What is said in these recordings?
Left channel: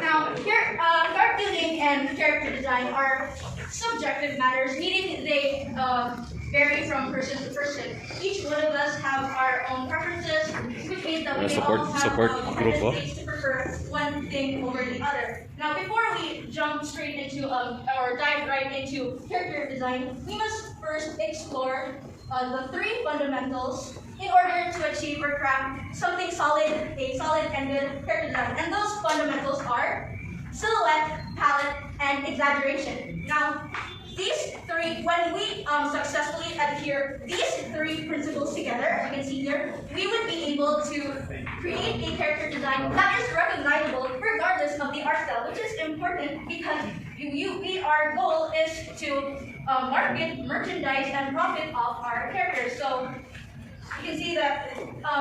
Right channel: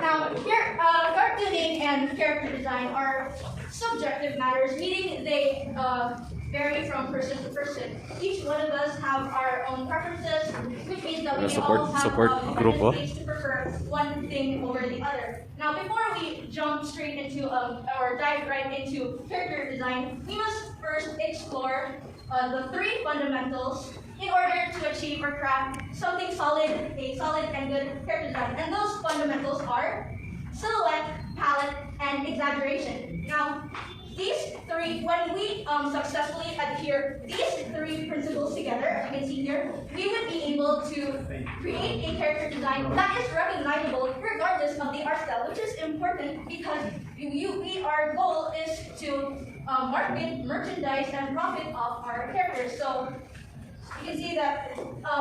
Now, cartooning and character design are subjective matters, meaning they vary from person to person. Each one of us have our own preferences, which means that we can all have tendencies to prefer one thing over the other. Now, before we jump straight into or dive right into character design, we must first explore the three fundamentals in order to achieve or craft something solid, a solid and good character design. And those fundamentals are silhouette, palette, and exaggeration. Now, these three, when we successfully adhere these three principles together, as you can see here, we would be able to create a character design that is recognizable regardless of the art style, which is important because our goal is to market, merchandise, and profit off our characters. So you can see that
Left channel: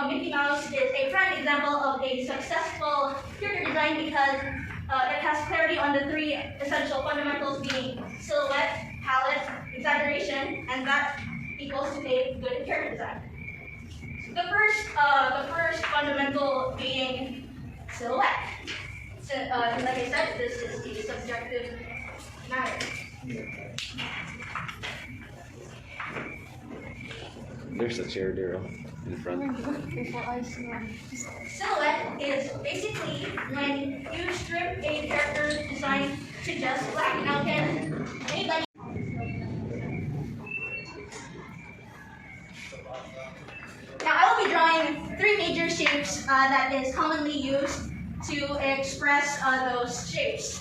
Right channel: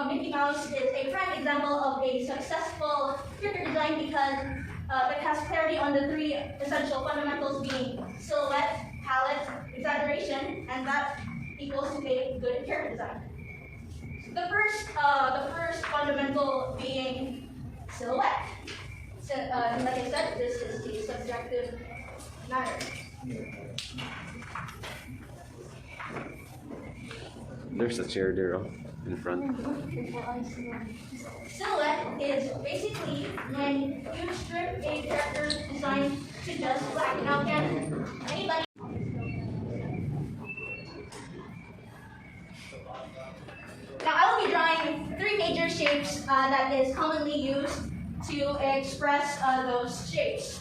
Mickey Mouse is a prime example of a successful character design because it has clarity on the three essential fundamentals being silhouette, palette, exaggeration, and that equals to a good character design. The first fundamental being silhouette. So, like I said, this is a subjective matter. There's a chair there in front. Silhouette is basically when you strip a character design to just black. Now, can anybody? Now, I will be drawing three major shapes that is commonly used to express those shapes.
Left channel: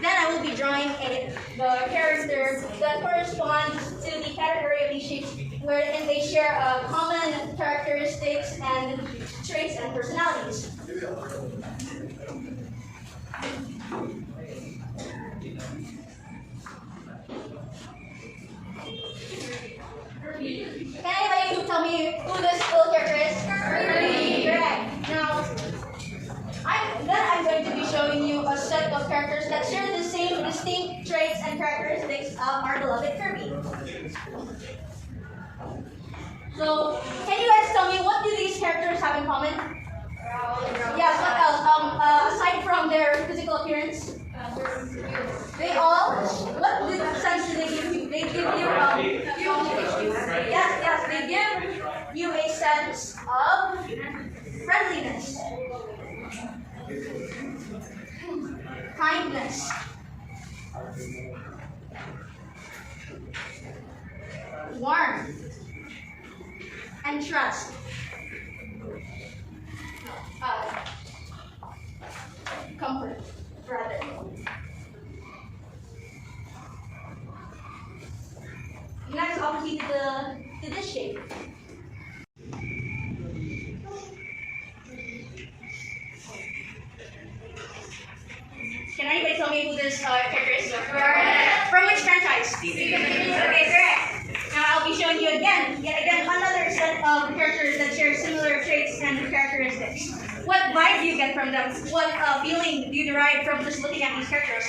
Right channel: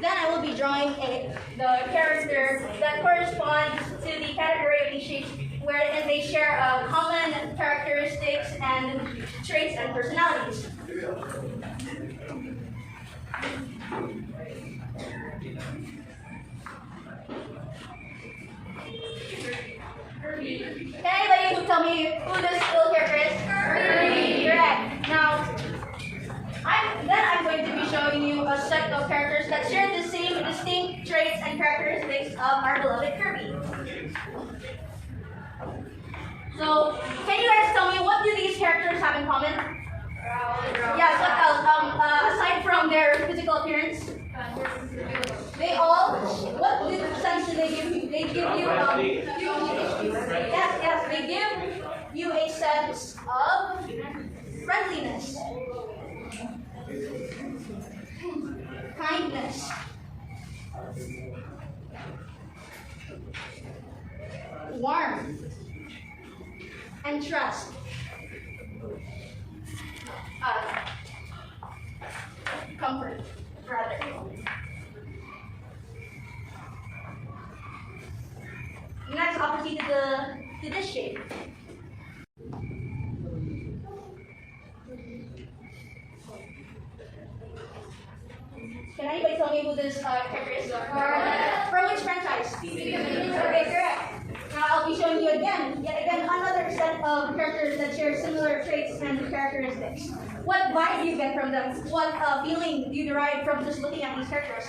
Then I will be drawing the characters that correspond to the category of these shapes, wherein they share common characteristics and traits and personalities. Can anybody tell me who this little character is? Correct. Now, I'm going to be showing you a set of characters that share the same distinct traits and characteristics of our beloved Kirby. So, can you guys tell me what do these characters have in common? Yes, what else? Aside from their physical appearance? They all, what sense do they give you? They give you, yes, they give you a sense of friendliness, kindness, warmth, and trust. Comfort, rather. Next, I'll proceed to this shape. Can anybody tell me who this character is? From which franchise? Okay, correct. Now I'll be showing you yet again, another set of characters that share similar traits and characteristics. What vibe do you get from them? What feeling do you derive from just looking at these characters?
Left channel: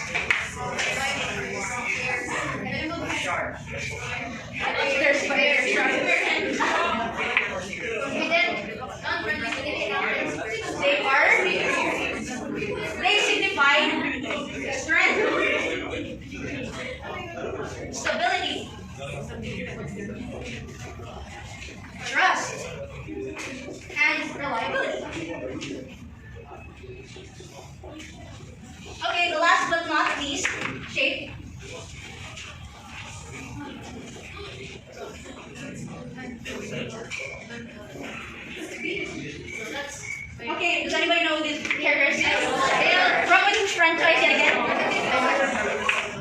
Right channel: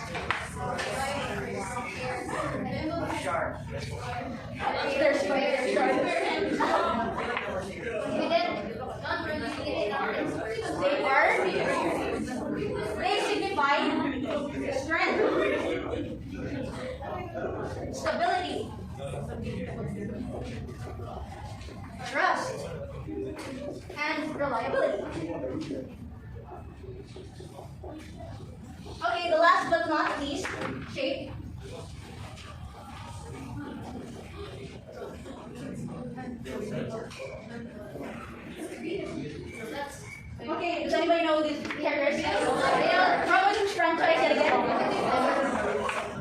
They signify strength, stability, trust, and reliability. Okay, the last but not least shape. Okay, does anybody know who these characters are? From which franchise yet again?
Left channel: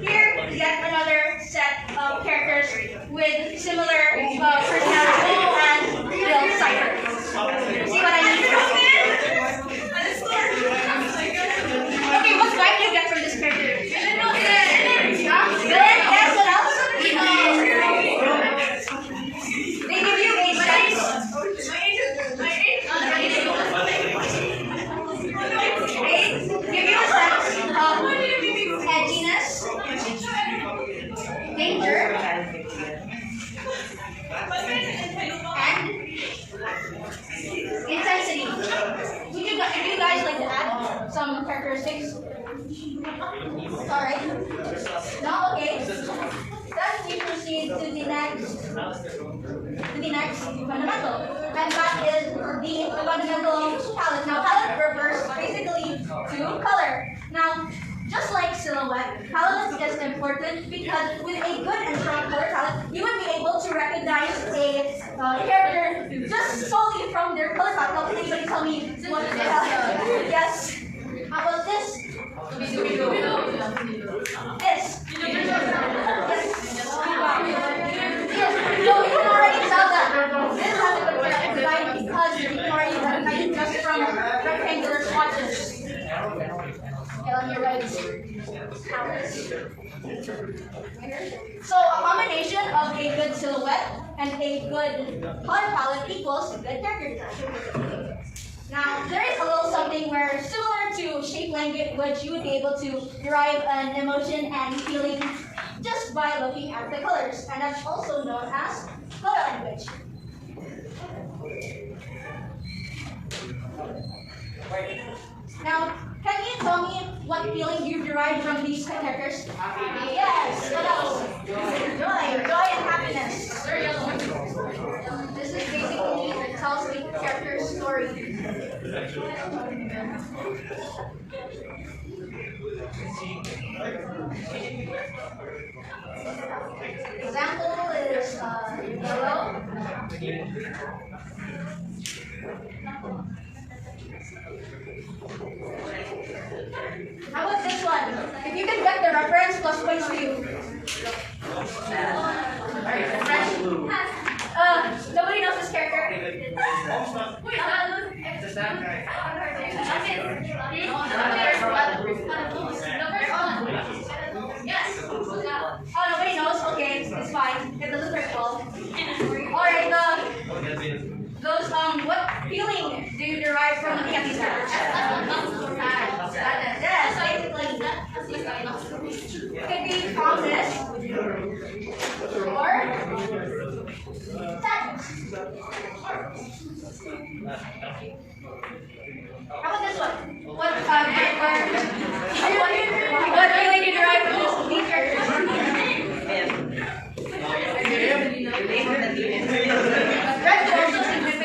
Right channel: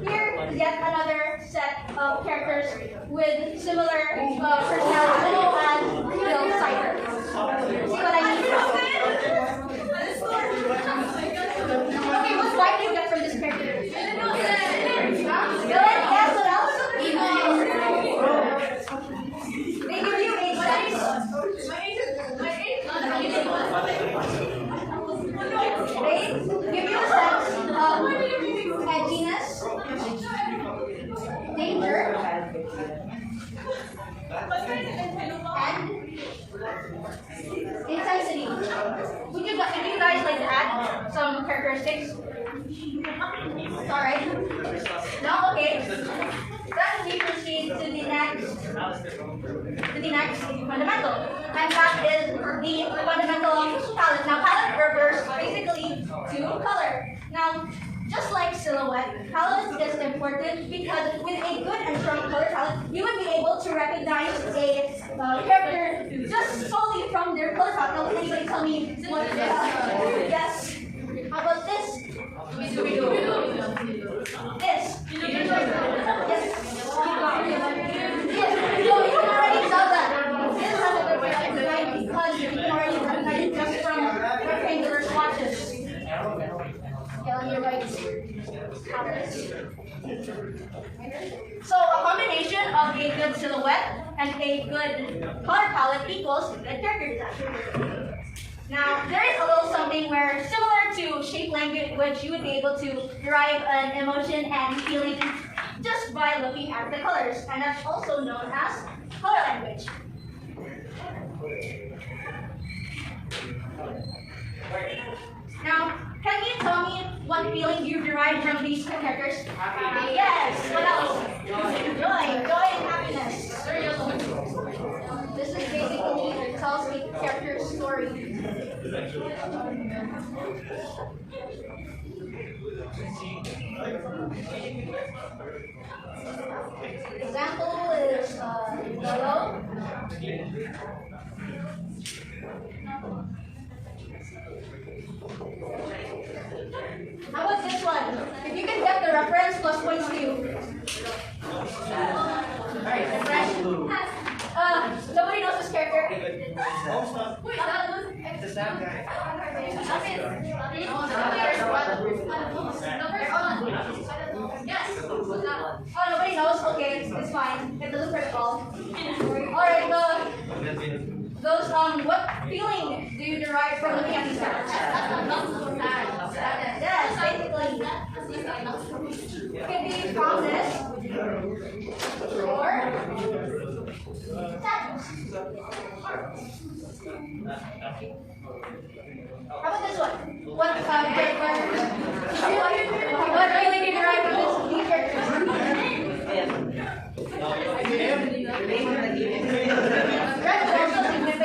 Here, yet another set of characters with similar personality and Bill Cipher. See what I mean? Okay, what vibe do you get from this character? Good? Yes, what else? They give you a sense. They give you a sense of Alright. Now, okay. Then we proceed to the next fundamental. And that is the fundamental of palette. Now, palette refers basically to color. Now, just like silhouette, palette is important because with a good and strong color palette, you would be able to recognize a character just solely from their color palette. Now, can anybody tell me what the palette? Yes. How about this? This. Yes. So you can already tell that this has a good graphic design because you can already recognize it just from rectangular swatches. Okay, on your right. So a combination of a good silhouette and a good color palette equals good character design. Now, there is a little something where, similar to shape language, you would be able to derive an emotion and feeling just by looking at the colors, and that's also known as color language. Now, can you tell me what feeling you derive from these characters? Yes. What else? Joy and happiness. This is basically it tells the character's story. Example is yellow. How about this one? If you can get the reference, plus points to you. Nobody knows this character. Wait, yes. Oh, nobody knows? Okay, it's fine. It doesn't hurt at all. Alright, what feeling do you derive from looking at these characters? Yes, basically. It could be calmness or sadness. How about this one? What feeling do you derive from these characters? Red could also signify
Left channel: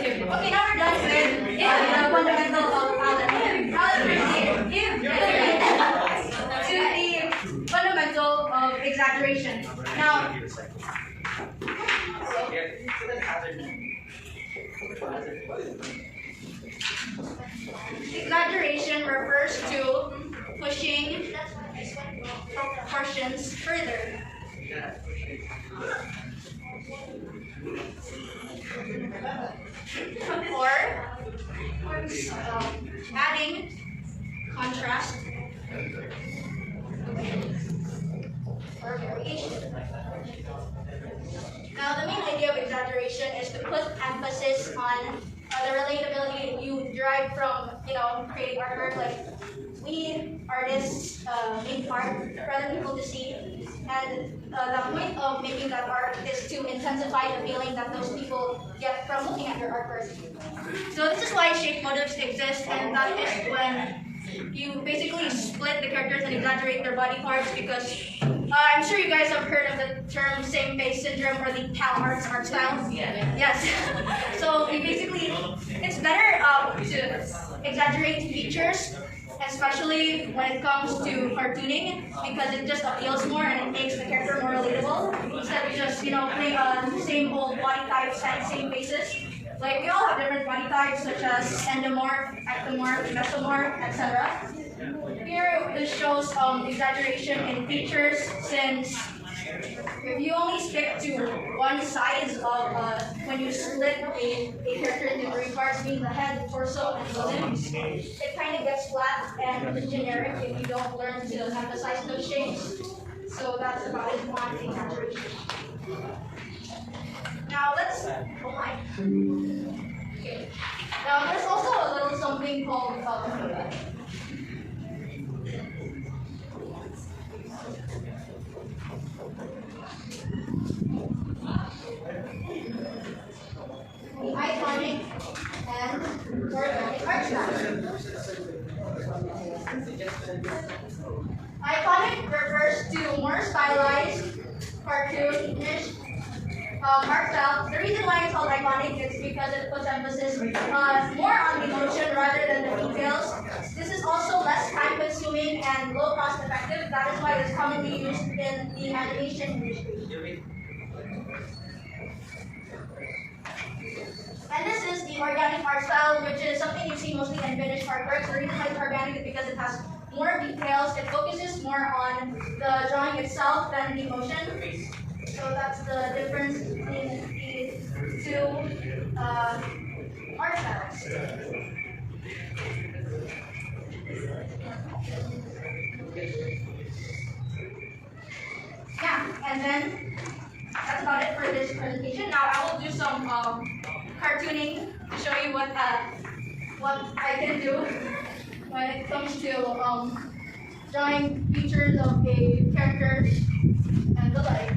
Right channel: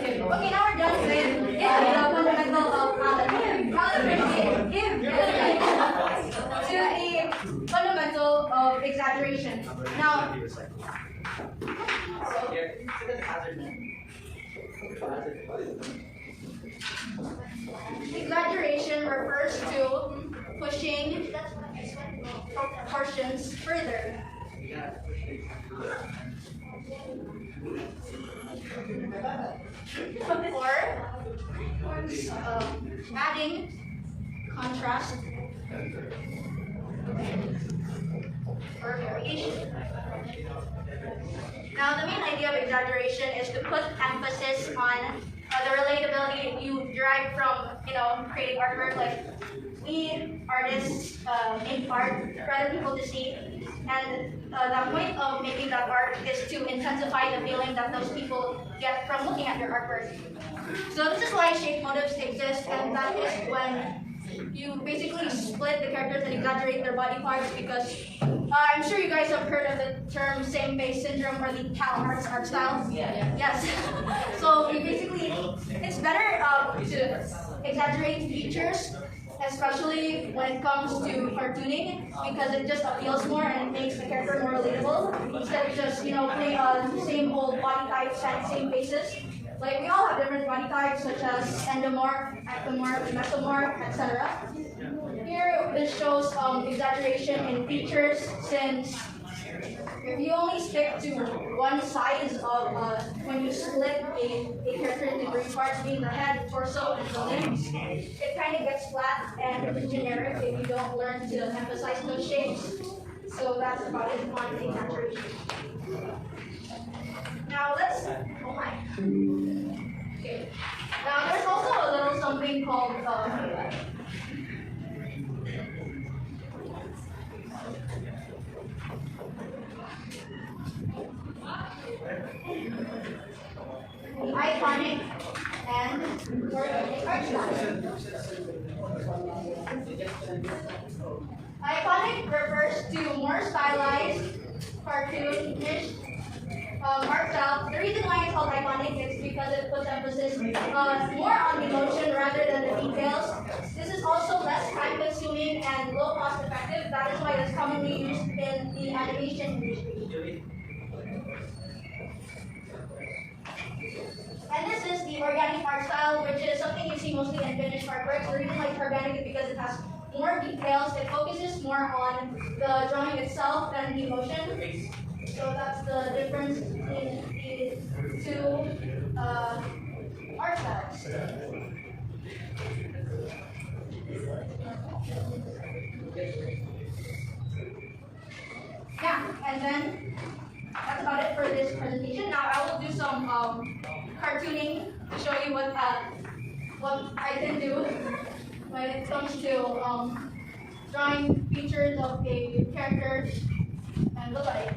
okay, now we're done with the fundamental of palette. Now let's give to the fundamental of exaggeration. Now, exaggeration refers to pushing proportions further. Or adding contrast or variation. Now, the main idea of exaggeration is to put emphasis on the relatability you derive from, creating artwork. Like, we artists make art for other people to see, and the point of making that art is to intensify the feeling that those people get from looking at your artwork. So this is why shape motives exist, and that is when you basically split the characters and exaggerate their body parts, because I'm sure you guys have heard of the term same face syndrome or the Cal Arts art style. Yeah. Yes. So it's better to exaggerate features, especially when it comes to cartooning, because it just appeals more and it makes the character more relatable, instead of just, play on same old body types and same faces. Like, we all have different body types, such as endomorph, ectomorph, mesomorph, etc. Here, this shows exaggeration in features, since if you only stick to one size of when you split a character into three parts, being the head, torso, and the limbs, it kind of gets flat and generic if you don't learn to emphasize those shapes. So that's about it on exaggeration. Now let's, okay. Now there's also a little something called Iconic refers to more stylized, cartoonish art style. The reason why it's called iconic is because it puts emphasis more on emotion rather than the details. This is also less time-consuming and low cost-effective. That is why it's commonly used in the animation industry. And this is the organic art style, which is something you see mostly in finished artwork. The reason why it's organic is because it has more details. It focuses more on the drawing itself than the emotion. So that's the difference between the two art styles. Yeah, and then that's about it for this presentation. Now I will do some cartooning to show you what I can do when it comes to drawing features of a character and the like.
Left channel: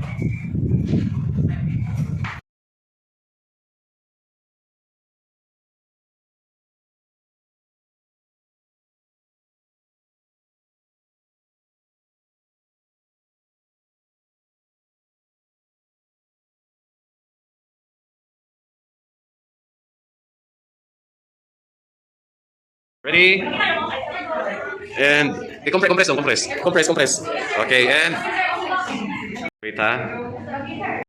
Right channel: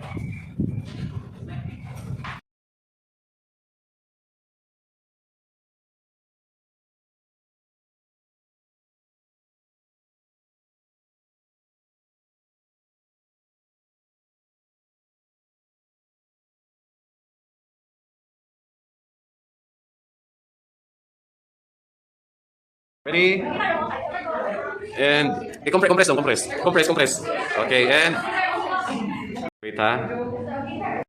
Ready? And compress. Compress. Okay, and wait ha.